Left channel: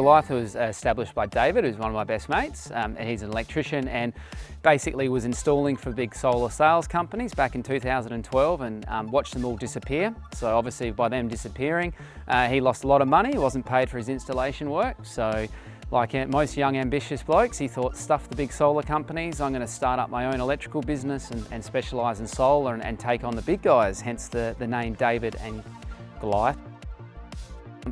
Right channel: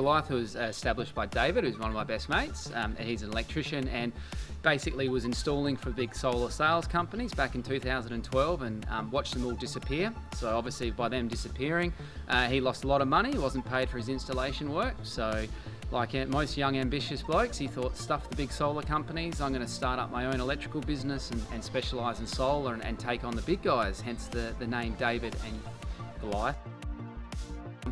Goliath was established by David, who's one of my best mates. He's an electrician and basically was installing for big solar sales companies back in 2012 and watched them all disappear. So obviously by them disappearing, he lost a lot of money. He wasn't paid for his installation work. So like most young ambitious blokes, he thought, stuff the big solar companies, I'm going to start up my own electrical business and specialise in solar and take on the big guys, hence the name David and Goliath.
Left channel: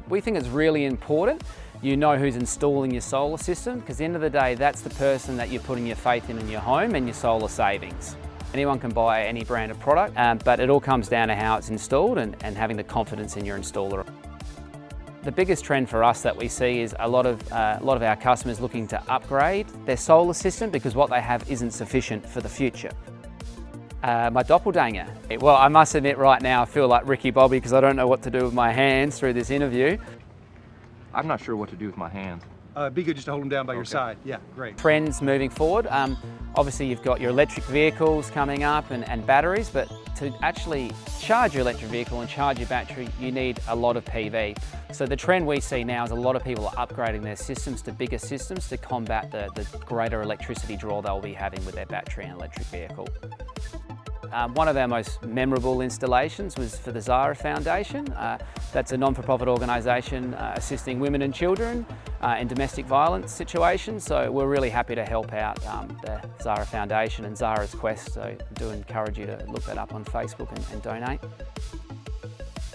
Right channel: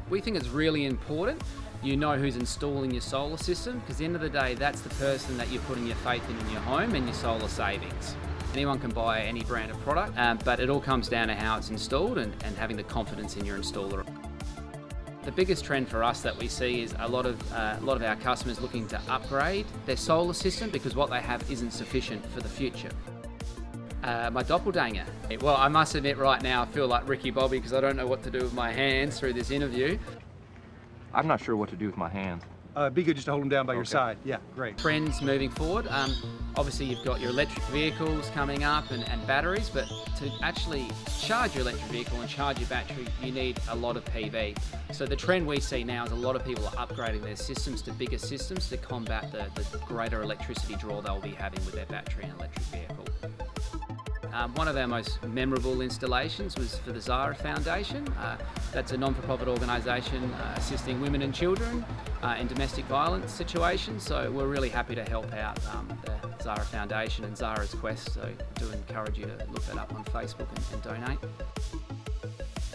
We think it's really important you know who's installing your solar system, because at the end of the day, that's the person that you're putting your faith in your home and your solar savings. Anyone can buy any brand of product, but it all comes down to how it's installed and having the confidence in your installer. The biggest trend for us that we see is a lot of our customers looking to upgrade their solar system because what they have isn't sufficient for the future. My doppelganger. Well, I must admit right now I feel like Ricky Bobby because I don't know what to do with my hands through this interview. I'm not sure what to do with my hands. Be good just to hold them down by your side. Yeah, great. Trends moving forward. Obviously you've got your electric vehicles coming up and batteries, but to actually charge your electric vehicle and charge your battery, you need a lot of PV. So the trend we see now is a lot of people are upgrading their systems to bigger systems to combat the greater electricity draw they'll be having with their battery and electric vehicle. One of our most memorable installations was for the Zara Foundation. That's a non-for-profit organisation assisting women and children in domestic violence situations. So we're really happy to help out the Zara Foundation and Zara's Quest. So I do encourage you to look that up on Facebook and donate.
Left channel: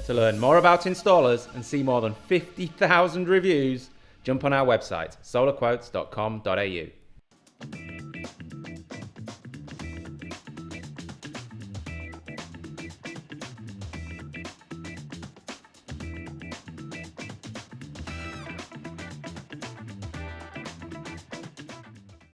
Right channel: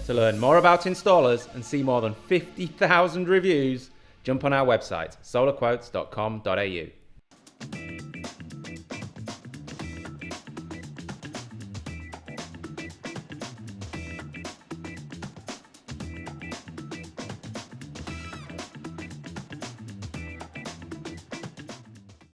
To learn more about installers and see more than 50,000 reviews, jump on our website, solarquotes.com.au.